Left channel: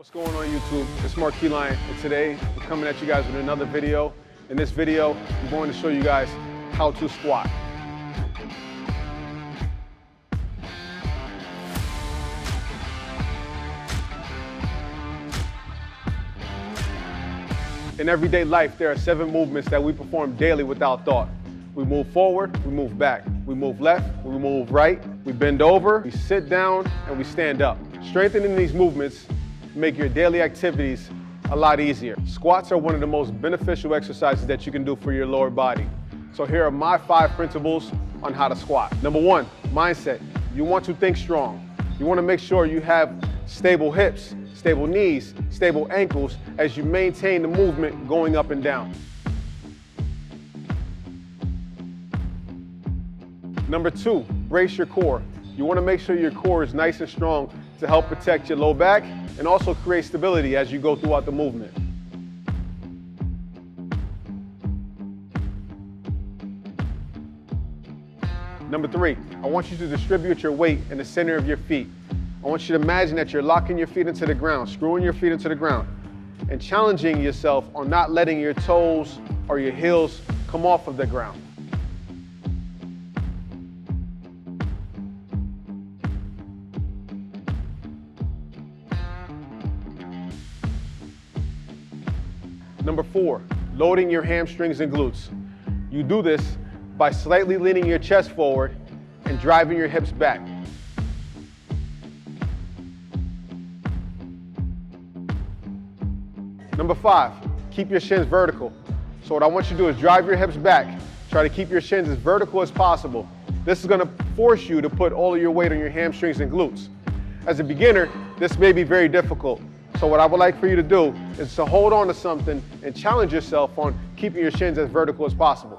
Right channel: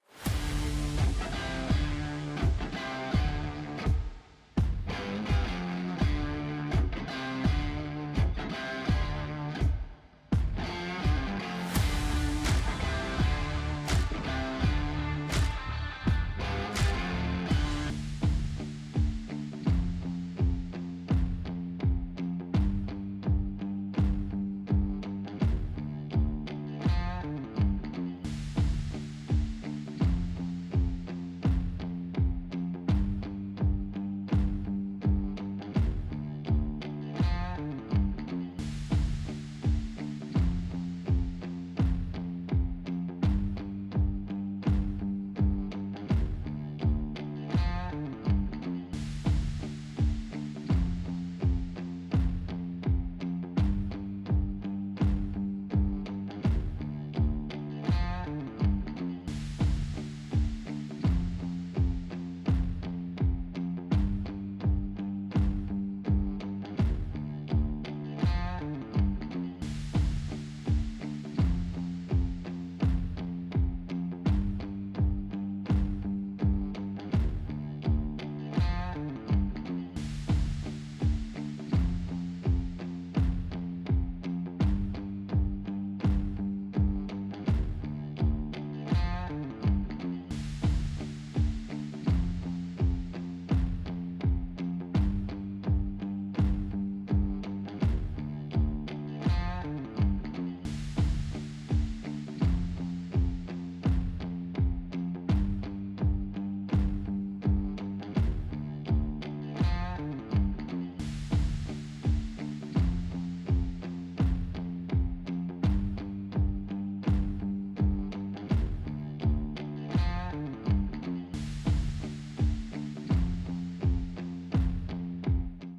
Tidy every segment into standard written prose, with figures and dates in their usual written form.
What's going on YouTube? It's Mark Keyline, and today we're coming at you guys with another video. In this video, I'm going to show you guys how to squat. In everyday life, there are 7 movements that we perform daily without thought. We move forward, we move back. We move left, we move right. We bend over, we sit down, and we stand up. Strengthening these movements make your daily activities a lot easier. Squats are one of the most beneficial exercises that you can do for your lower body. So here are my 5 principles on how to squat. Number 1, mindset. You want to think strong. You want to make sure you have stable hips, stable knees, stable ankles as you maintain the movement going up and down. Number 2, brace your core. You want to make sure your core is nice and strong to help protect your low back and also create stability as you go throughout the movement. Number 3, I want you to distribute your weight in the center of your feet. I want you to imagine that you're locking your feet into the ground, screwing your feet into the ground, and challenging yourself on not letting your toes or your heels come off of the ground. Number 4, loading your hamstrings and glutes. You do this by slightly leaning your chest forward and driving your hips back. Number 5, keep your shins vertical. So what I want you to do is drive your hips back. Try to keep your shins as vertical as possible. This is going to force you to put all of your weight on your hamstrings and glutes. As a beginner, this may be very difficult. So what I would like for you to do is to hold on to something and challenge yourself on keeping your shins as vertical as possible.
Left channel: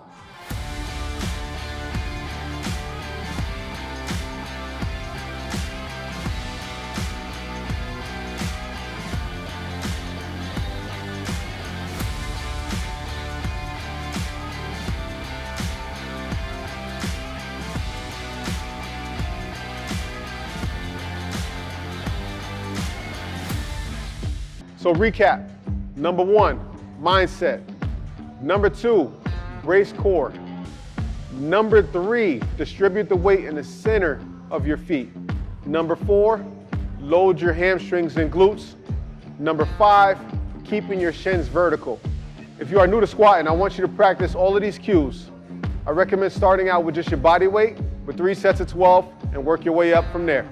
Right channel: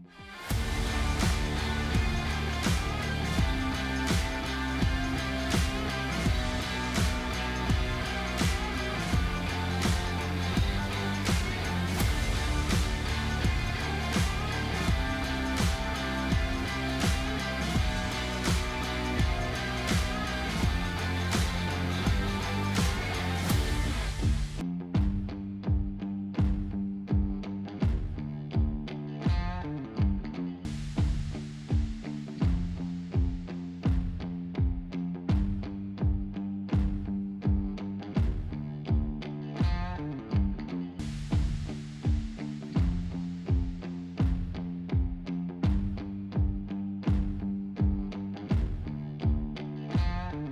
So recap, number 1, mindset. Number 2, brace core. Number 3, distribute the weight in the center of your feet. Number 4, load your hamstrings and glutes. Number 5, keeping your shins vertical. If you are new to squatting, I want you to practice all of these cues. I recommend starting out with just your body weight with 3 sets of 12 and work your way up from there.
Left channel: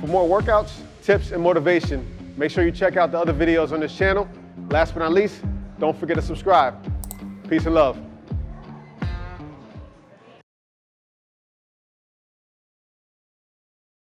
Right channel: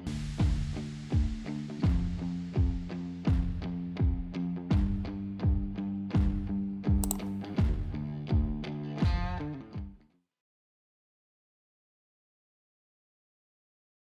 For more workouts, tips, and motivation, make sure you check out the other videos on this channel. Last but not least, don't forget to subscribe. Peace and love.